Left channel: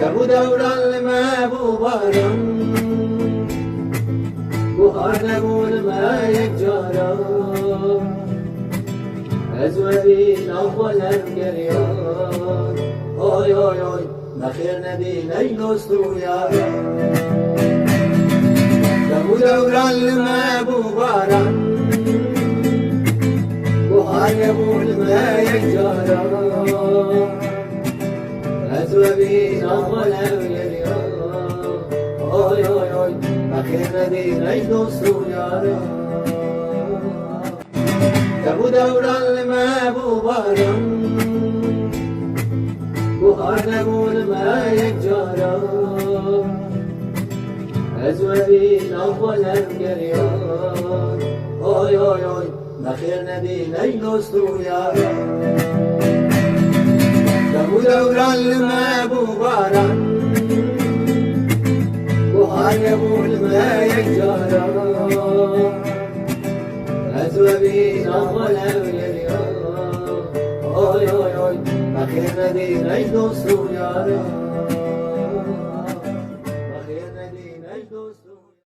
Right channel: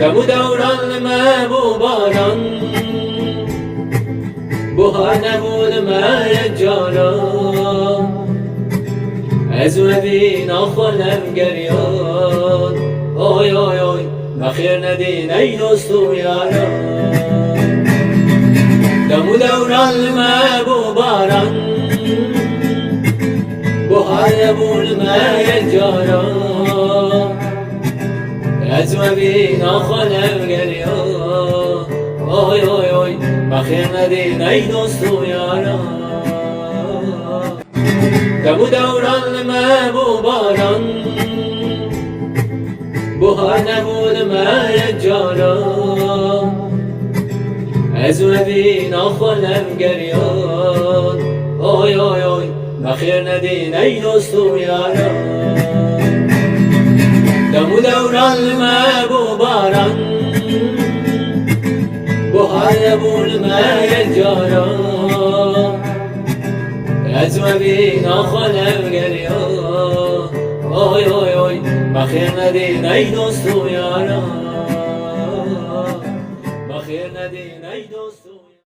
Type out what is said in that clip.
دم و دوران ما باران بهار نبود ما یک جالا از وی ناخوالم گریان آی آی آی بخیر ندین ای دوست و یاران دم و دوران ما باران بهار نبود ما یک جالا از وی ناخوالم گریان آی آی آی بخیر ندین ای دوست و یاران دم و دوران ما باران بهار نبود ما یک جالا از وی ناخوالم گریان آی آی آی بخیر ندین ای دوست و یاران دم و دوران ما باران بهار نبود ما یک جالا از وی ناخوالم گریان آی آی آی بخیر ندین ای دوست و یاران بخیر ندین ای دوست و